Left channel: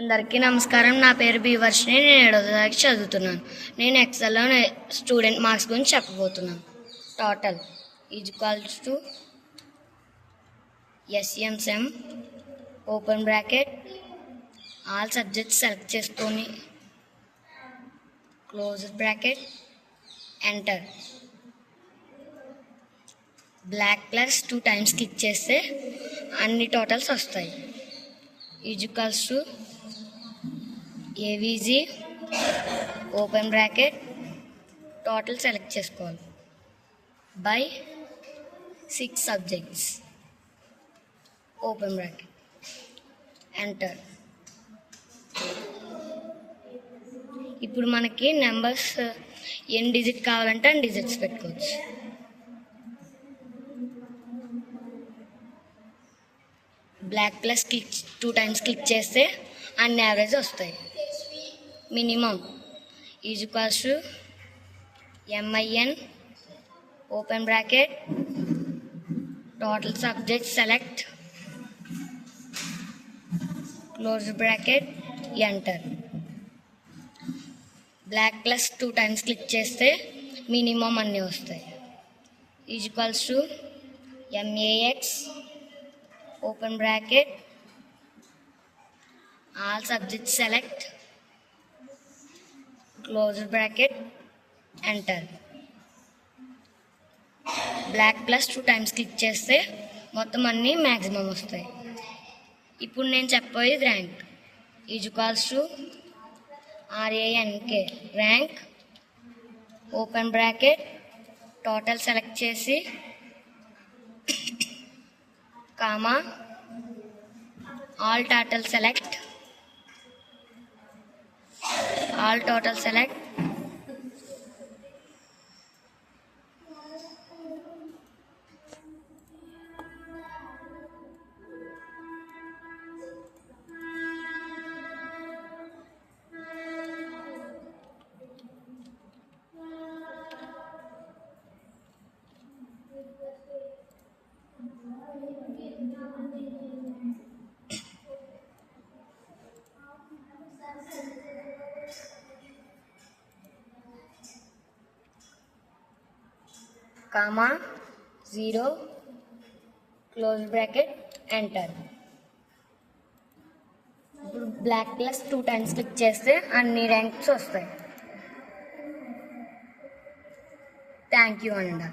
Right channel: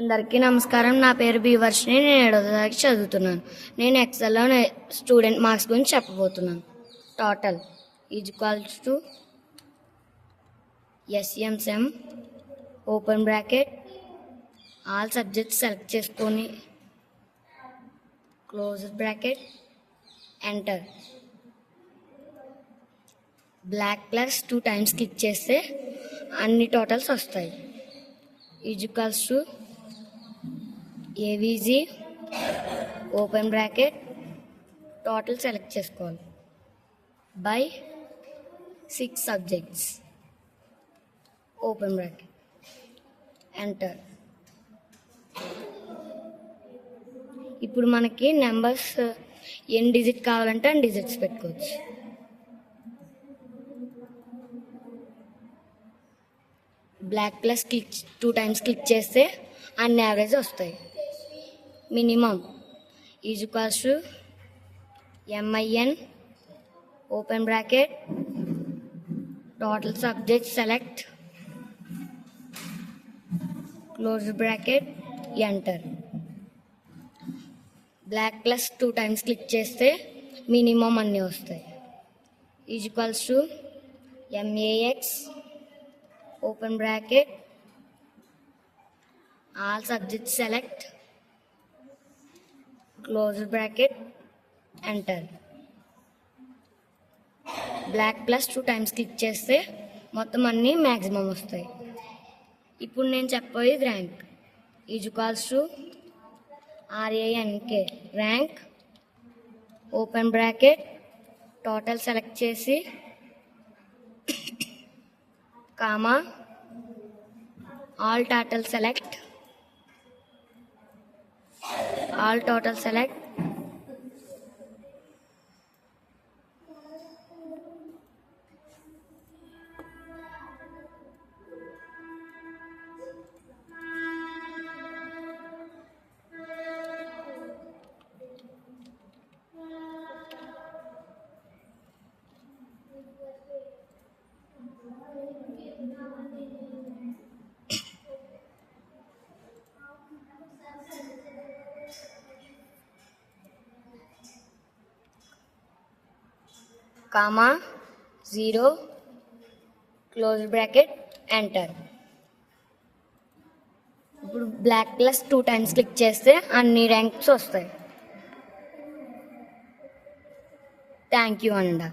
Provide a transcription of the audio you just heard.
అందరికీ నమస్కారం. నా పేరు బి వర్షిని. నేను 7వ తరగతి చదువుతున్నాను. నేను ఎక్సెల్లో స్టూడెంట్ మార్క్స్ గురించి చెప్పబోతున్నాను. Total equals to SM sum open bracket all subjects select చేసుకొని close bracket enter. Block plus 2 times click చేస్తే అన్ని టోటల్స్ వస్తాయి. Equals to AVG open bracket total select చేసుకోవాలి by 6 subjects open bracket enter. ఇప్పుడు మనకి నెంబర్స్ ఎన్ని డిజిట్ కావాలంటే అన్ని డిజిట్స్ పెట్టుకోవచ్చు. బ్లాక్ ప్లస్ 2 టైమ్స్ క్లిక్ చేస్తే అన్ని యావరేజ్ వస్తాయి. Minimum equals to MIN open bracket total subject select close bracket enter. Block plus 2 times click చేస్తే మినిమం అన్నీ వస్తాయి. Equals to MAX open bracket all subjects select close bracket enter. Block plus 2 times click చేస్తే మొత్తం అన్నీ maximum వస్తాయి. ఇప్పుడు నేను చెప్పేది rank equals to RANK rank open bracket total select చేసి comma all total select all total select comma 0 close bracket enter. ఇప్పుడు black plus 2 times click చేస్తే అన్ని ర్యాంక్స్ వస్తాయి. థ్యాంక్ యూ అండి.